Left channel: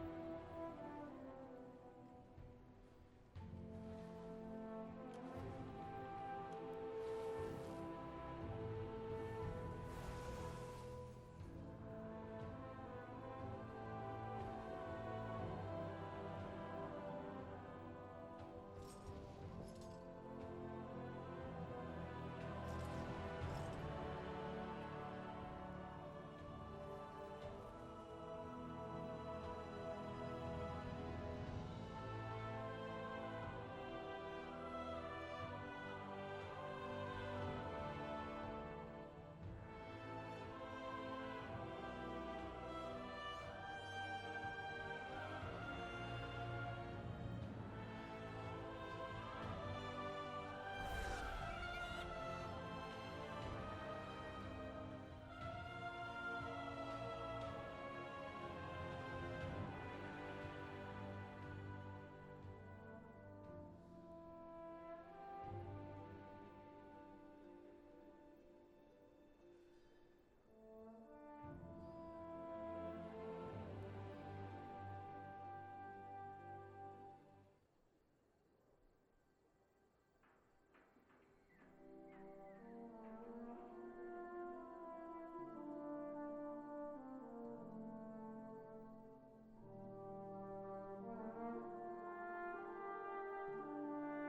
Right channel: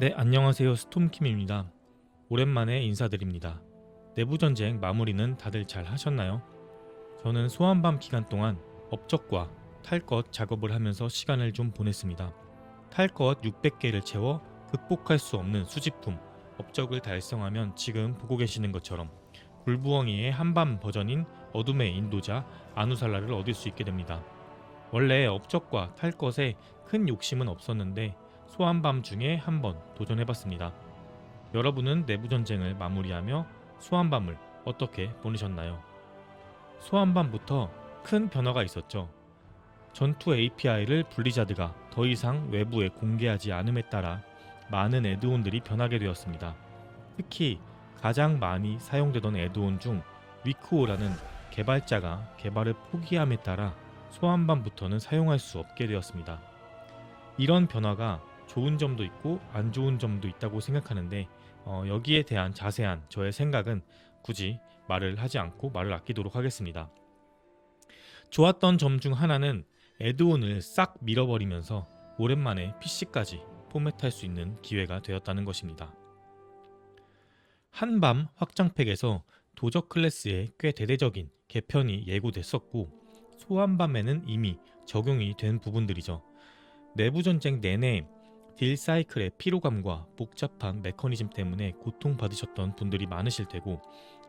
네, 안녕하세요. 스톰킴입니다. 오랜만에 인사드립니다. 내부전쟁 마무리는 다들 잘 하셨나요? 저는 소환밤 기간 동안 업적과 탈 것 작업을 하면서 시간을 좀 보냈습니다. 탈 것 600개를 채워 극복할 수 없는 수집품, 업적을 달성하면 지금 보고 계시는 것처럼 굴부엉이의 한밤 버전인 어둠의 인도자 아누살라를 얻을 수 있게 됩니다. 원래 업적과 탈 것에 큰 욕심은 없었는데 소환밤 중에 한번 도전해봤습니다. 여러분은 내부전쟁을 마무리하며 소환밤을 어떻게 보내셨나요? 소환밤부터 큰 변화가 있었죠. 전투 API를 블리자드가 더 이상 외부에 공개하지 않음에 따라 많은 애드온들이 변하게 되었습니다. 특히 가장 많이 사용되던 애드온 중 위크오라는 개발자가 개발을 포기함에 따라 소환밤부터는 사용할 수 없게 되었습니다. 이런 변화가 좋은 점도 있고 안 좋은 점도 있다고 생각하는데 여기에 대한 자세한 저의 생각은 굳이 말을 하지 않고 말을 아끼도록 하겠습니다. 좋았던 점 중 하나는 애드온을 싹 밀어버리면서 오랜만에 PC까지 포맷할 수 있는 기회가 되었다는 것입니다. 한밤 확장팩에서 도적 클래스에 꽤 대대적인 개편이 예고됐었고 소환밤에는 이미 적용이 된 부분들이죠. 내부전쟁 내내 딜 사이클의 피로감과 복잡한 메커니즘 때문에 고통받으셨던 분들이 많으실 테고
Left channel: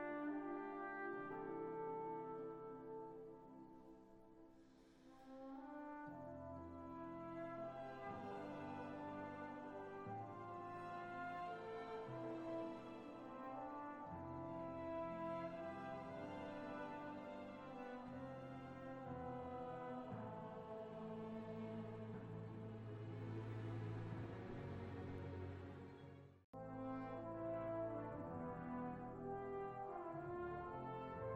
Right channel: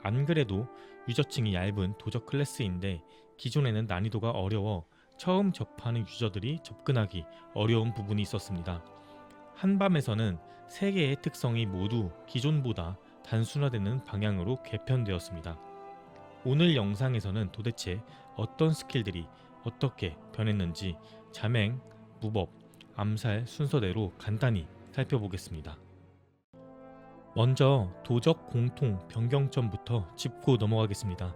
안 그래도 유저층이 얇은 도적 클래스인데 기존에는 난이도가 어려워 처음 접하는 유저들이 접근하기 어려운 부분이 있었습니다. 한밤에서는 3개의 특성이 모두 기존보다 단순화되는 방향으로 개편되었습니다. 오늘 영상에서는 도대체 어떤 스킬들이 어떻게 변했는지 자맹, 무법, 암살 순서대로 간단히 살펴보겠습니다. 먼저 도적 공통 변경점부터 짚고 넘어가겠습니다.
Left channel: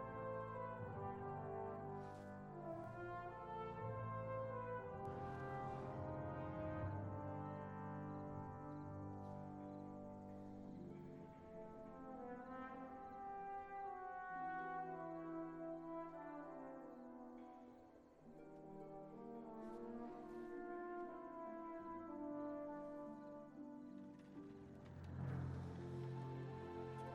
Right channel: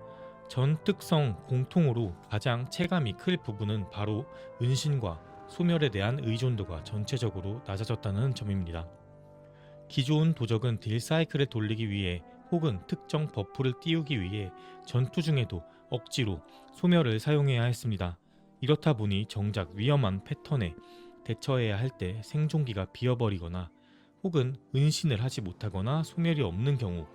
전 특성 공통으로 가장 체감이 클 부분은 바로 은신과 소멸에 대한 의존도가 전체적으로 낮아졌다는 점입니다. 기존 도적은 딜 사이클을 돌리기 위해 혹은 특정 버프를 띄우기 위해 전투 중에도 억지로 소멸을 사용해야 했습니다. 이렇다 보니 정작 위험한 패턴에 대처해야 할 때 생존기가 비어버리거나 혹은 은신을 하지 못하거나 소멸이 없는 경우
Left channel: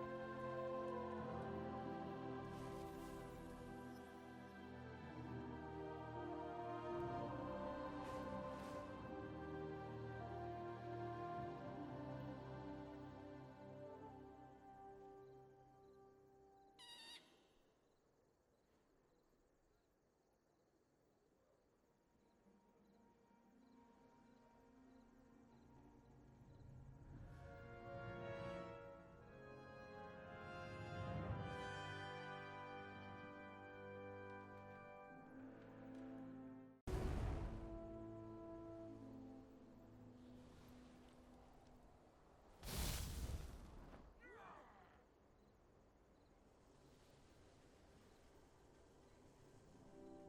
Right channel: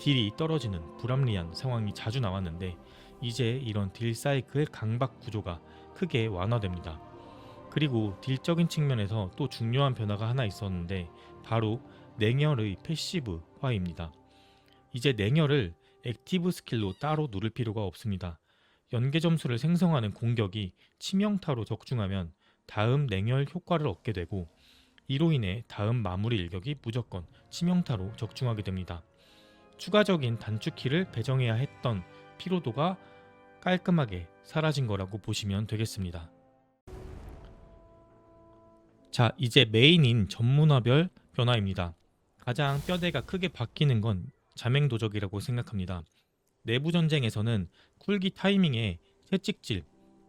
딜이 떨어지는 불합리한 상황이 자주 나왔는데 이제 이런 딜 사이클 강박 구조가 크게 완화됩니다. 그리고 딜적인 측면에서 또 중요한 변화가 하나 있었는데 바로 냉혈의 패시브화입니다. 이제 냉혈을 액티브 스킬로 따로 누를 필요가 없습니다. 연계 점수를 생성하는 공격이 치명타로 적중하면 다음 냉혈 효과를 얻게 되고 이로 인해 다음 마무리 일격이 무조건 치명타로 적중하게 됩니다. 추가적인 단축키를 배정해야 했던 피로도가 깔끔하게 사라진 거라고 보시면 되겠습니다. 자, 이제 메인인 전문화별 변화입니다. 가장 뼈대가 크게 바뀌는 건 자맹도적이라고 생각합니다. 내부전쟁에서는 쿨기 타이밍에 채찍질,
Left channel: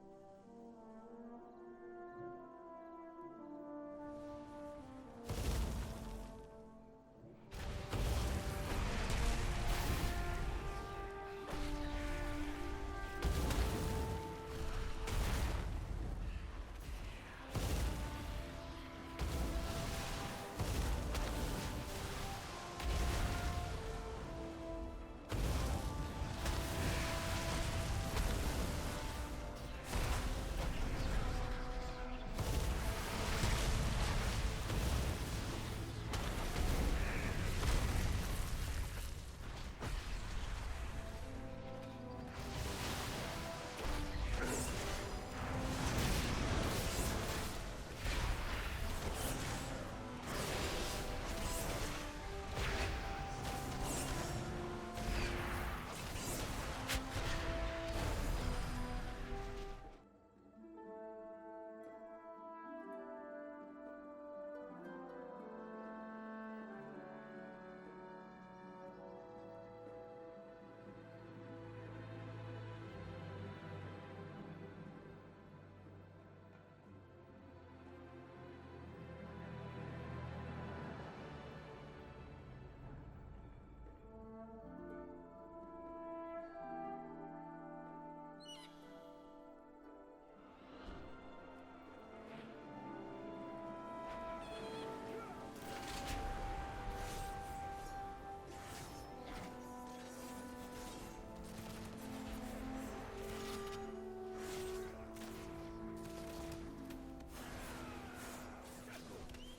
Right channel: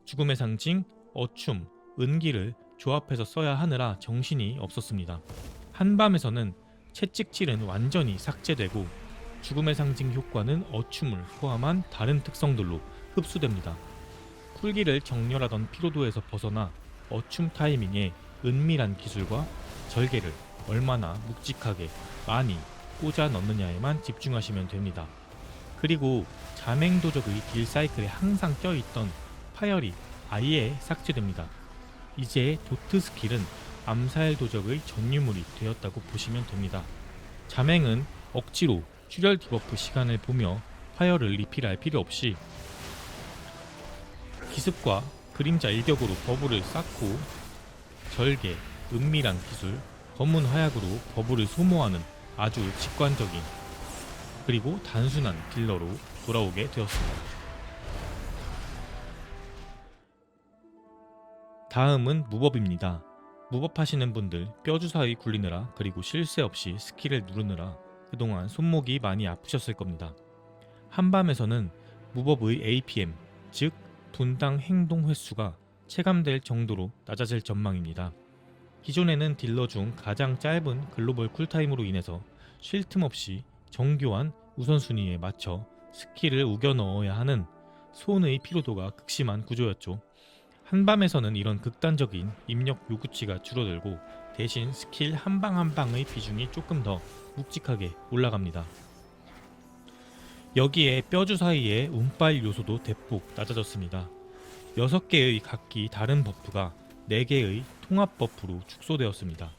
죽음의 상징, 어춤, 은기를 조합해서 써야 하느라 정신이 없었습니다. 한밤에서는 채찍질은 완전히 삭제되고 죽음의 상징 효과는 어춤을 포함한 다른 특성들로 흡수됩니다. 쿨기를 정렬하던 피로도에서 벗어나 어춤 타이밍에 은밀한 기술과 절개를 얼마나 묵직하게 많이 꽂아 넣느냐에만 집중하시면 됩니다. 그리고 자맹도적의 딜 사이클에 항상 껴있던 파열이 아예 삭제됩니다. 이제 도트 스킬은 암살 도적의 전유물이 되었다고 보시면 됩니다. 자맹은 억지로 출혈 디버프 시간을 보며 파열을 리필할 필요 없이 기습과 그림자 일격으로 버블을 쌓고 절개, 은밀한 기술, 검은 화약으로 버블을 소모하는 아주 직관적인 그리고 단순한 딜러로 돌아오게 되었습니다. 다음은 무법입니다. 무법하시는 분들 뼈주사위 굴리느라 그리고 쉴 새 없이 스킬을 누르느라 그동안 손목이 많이 아프셨을 겁니다. 한밤에서는 무법의 APM, 즉 분당 행동 횟수가 체감될 정도로 낮아질 전망입니다. 기존에는 딜러 중 가장 짧은 글로벌 쿨타임으로 인해서 쉴 틈 없이 정교한 우선순위에 맞춰 스킬을 우겨 넣어야 하는 손의 피로도가 극심한 구조였죠. 한밤에서는 이런 극단적인 입력 요구치가 줄어들고 대신 스킬 한 방 한 방의 비중이 조금 더 묵직하게 올라갑니다. 여기에 뼈 주사위의 운빨 요소도 대폭 낮아졌습니다. 6개의 각기 다른 버프가 4개의 통합 버프로 축소되었습니다.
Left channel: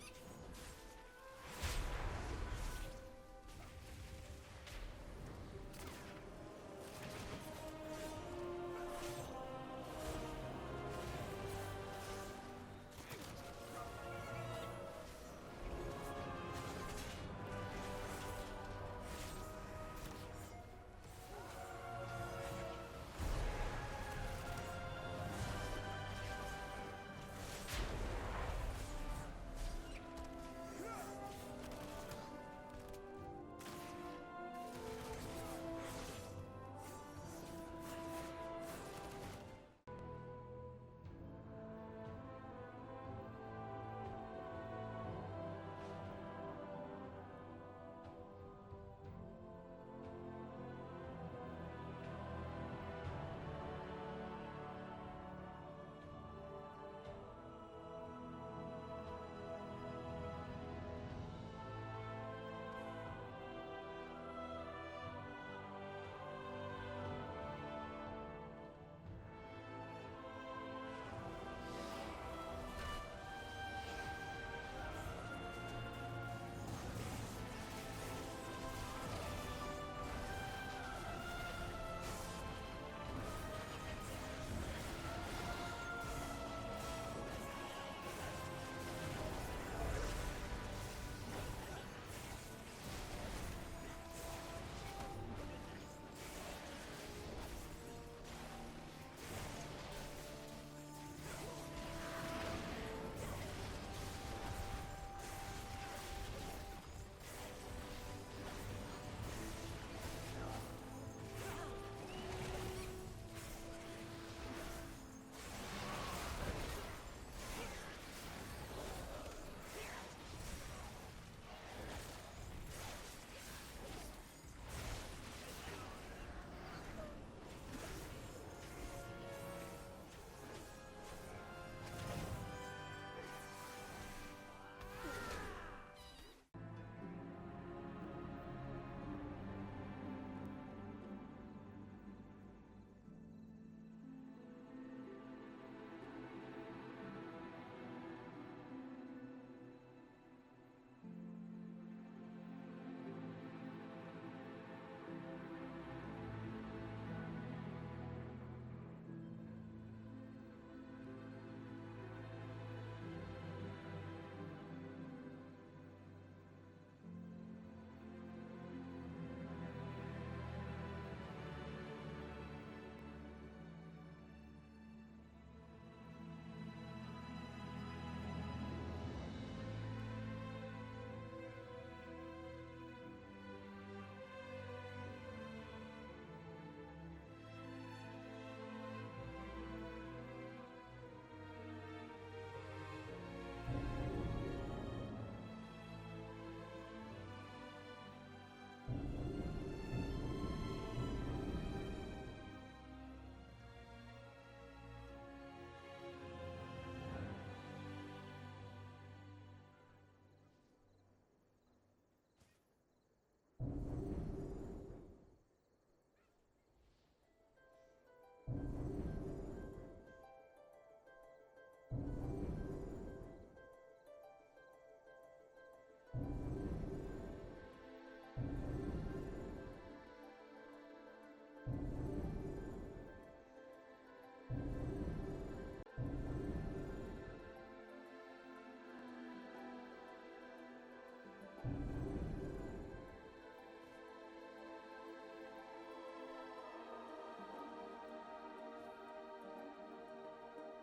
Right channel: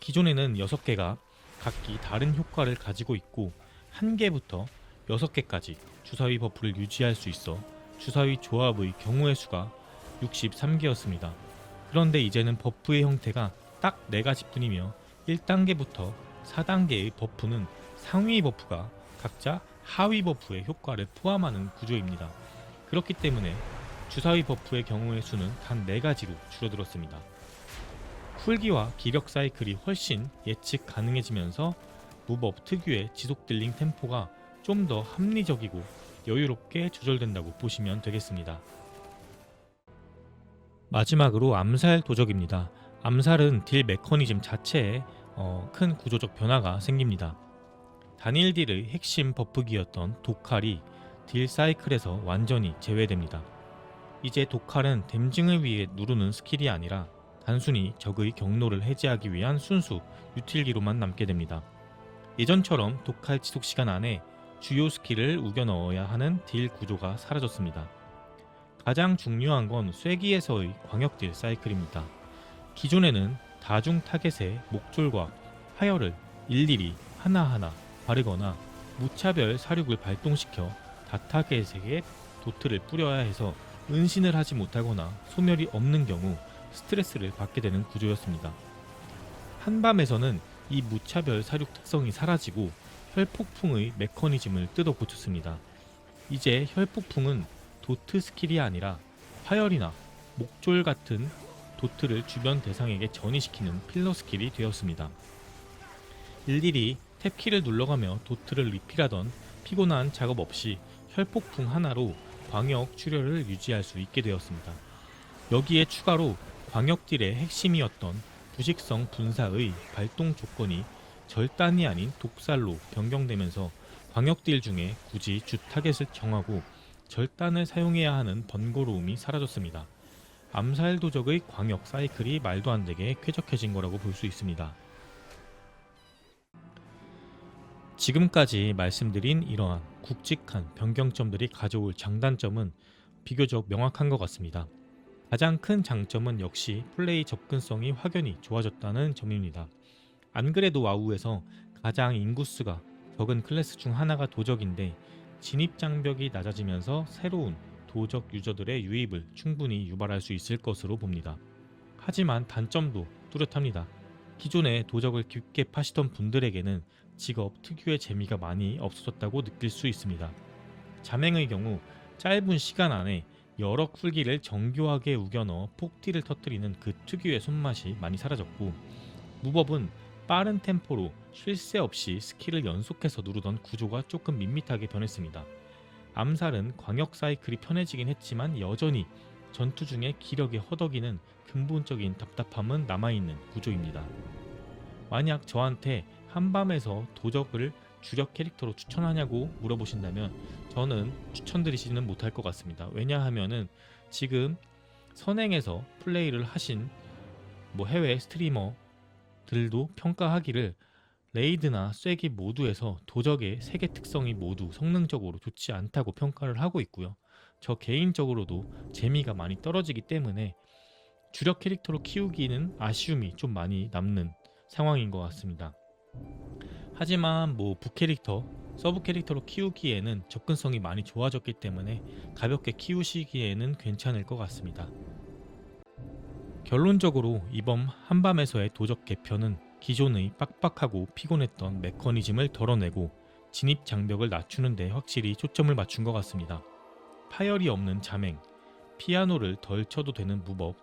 기존에는 6개가 각기 다른 효과를 가지고 있고 1개부터 6개까지 주사위 버프를 유지할 수 있어 주사위 조합의 경우의 수가 63개였습니다. 그런데 이제는 버프의 형태가 딱 4가지뿐이며 1단계부터 4단계의 버프는 상위 버프가 각자 하위 버프의 효과를 포함하는 구조입니다. 그렇기 때문에 주사위 버프의 경우의 수는 단 4가지로 줄어들었습니다. 풀기와 기력 사이클이 훨씬 예측 가능해지면서 무법 특유의 지속 딜링 템포가 좀 더 합리적이고 여유롭게 조절된다고 보시면 되겠습니다. 마지막으로 암살 도적입니다. 암살은 딜 메커니즘 자체에 큰 구조적 변화가 생깁니다. 단일 딜의 핵심 버프기였던 도칼이 딜 사이클에서 완전히 제외됩니다. 이제 도칼은 댐징을 위해 누르는 스킬이 아니라 단순히 적의 경로를 해제하기 위한 순수 유틸기로만 남게 됩니다. 예전처럼 도칼 지속시간 안에 주요 스킬을 우겨 넣어야 하는 딜 구조가 사라졌습니다. 가장 중요한 건 쐐기에서의 광역딜 사이클입니다. 기존에는 다중 타겟의 목줄과 파열을 일일이 하나하나 바르거나 무차별 사륙을 발동시켜 다타겟에게 도트를 뿌려야 해서 은신을 하지 못하거나 소멸이 없는 경우 스트레스를 받게 되는 구조였습니다. 한밤에서는 이 무차별 사륙 특성이 사라지고 혈폭풍의 메커니즘을 뜯어 고쳤습니다. 이제 혈폭풍은 도트 스킬이 아니라 파열이나 목졸 같은 도트를 주변 대상에게 전이시키는 필러 스킬이 되었습니다. 일일이 탭키를 눌러가며 도트를 리필하던 피곤한 작업 없이 혈폭풍 하나로 광역 출혈을 유지할 수 있게 되었습니다. 여기에 추가로 광역딜의 핵심이었던 부식성 분사의 발동 조건이 절단이 아닌 독살로 변경되면서 광역딜 중에 굳이 주 타겟을 정하고 절단을 사용해야 하는 번거로움이 사라졌습니다. 암살 도적의 광역 사이클이 말도 안 되게 쾌적해진 거라고 볼 수 있습니다. 지금까지 말씀드린 이러한 굵직한 변경점들이 가져올 장단점은 비교적 명확한 것 같습니다. 가장 큰 장점은 역시 플레이 접근성이 확연히 좋아졌다는 점입니다. 안 그래도 와우에서 가장 인구수가 적은 클래스 중 하나가 도적인데 진입 장벽이 낮아지면서 새로운 도적 유저들의 유입을 충분히 유발할 수 있을 것으로 봅니다. 하지만 단점도 뚜렷합니다. 기존에 도적을 깊게 파시던 분들에게는 직업 특유의 재미가 많이 없어졌다고 느낄 수 있습니다. 자맹의 경우 짧은 시간 안에 여러 쿨기를 정교하게 우겨넣어 폭딜을 터뜨리는 그 특유의 손맛이 많이 사라졌고, 무법은 빠른 템포로 쉴 새 없이 스킬을 연속해서 누르던 구조가 조금 밋밋하게 변했습니다. 암살은 광역 사이클이 편해지긴 했지만 여전히 전투 중에 기력이 허덕이는 근본적인 답답함은 남아있는 구조입니다. 만약 저한테 한밤에서 도적을 주력 캐릭터로 추천하냐고 물어보신다면 저는 추천드리지는 못할 것 같습니다. 왜냐하면은 지금 선행에서 플레이를 하신 해외 스트리머들도 평가하기를 레이드나 쐐기 모두에서 도적의 세계 특성이 모두 성능적으로 좋지 않다고 평가를 하고 있고요. 저 개인적으로도 재미가 많이 떨어지기 때문에 주력 캐릭터로 키우기는 아쉬움이 좀 많이 남는 상황인 것 같습니다. 하지만 부캐릭터, 서브 캐릭터로 키우기에는 접근성이 많이 좋아졌기 때문에 가볍게 키우시기에는 괜찮을 것 같습니다. 결론적으로 이번 한밤에서의 도적 개편은 기존의 빡빡하고 피곤했던 메커니즘을 덜어내고 진입 장벽을 낮추는 데 확실히 초점을 맞춘 것 같습니다. 파열이 없는 자맹, 피아노를 덜 쳐도 되는 무법,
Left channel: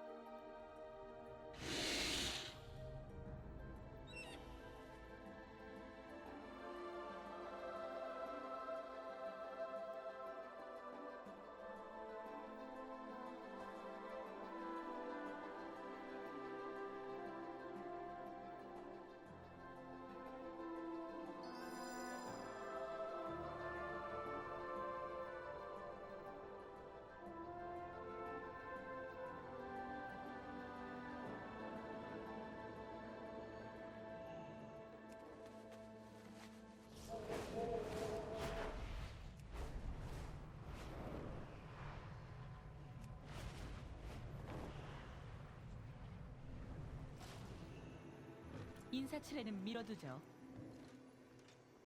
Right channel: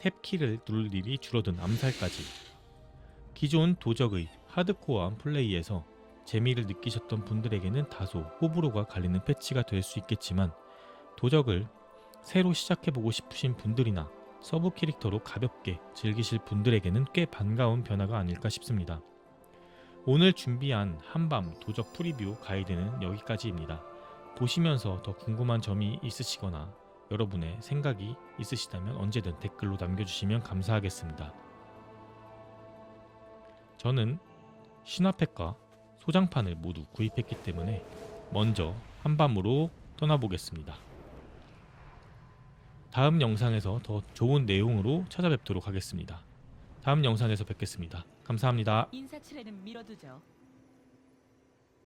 탭키를 누를 일이 줄어든 암살까지 기존 도적의 하드코어한 플레이에서 재미를 느끼셨던 분들에게는 다소 호불호가 갈리는 패치가 될 수 있겠지만, 도적을 새로 시작해보고 싶으신 분들이나 서브 캐릭터로 가볍게 즐기실 분들에게는 꽤 반가운 변화가 아닐까 싶습니다. 오늘 준비한 한밤 도적 프리뷰 가이드는 여기까지입니다. 보시면서 더 궁금한 점이 있으시거나 여러분의 생각이 있으시다면 언제든 댓글로 남겨주시면 감사하겠습니다. 저는 신화팩과 소장판을 모두 구입했기 때문에 먼저 한밤으로 떠나보겠습니다. 다음 영상에서 더 좋은 내용으로 찾아뵙도록 하겠습니다. 다음 영상에서 뵙겠습니다. 감사합니다. 인사치레는 미뤄두죠.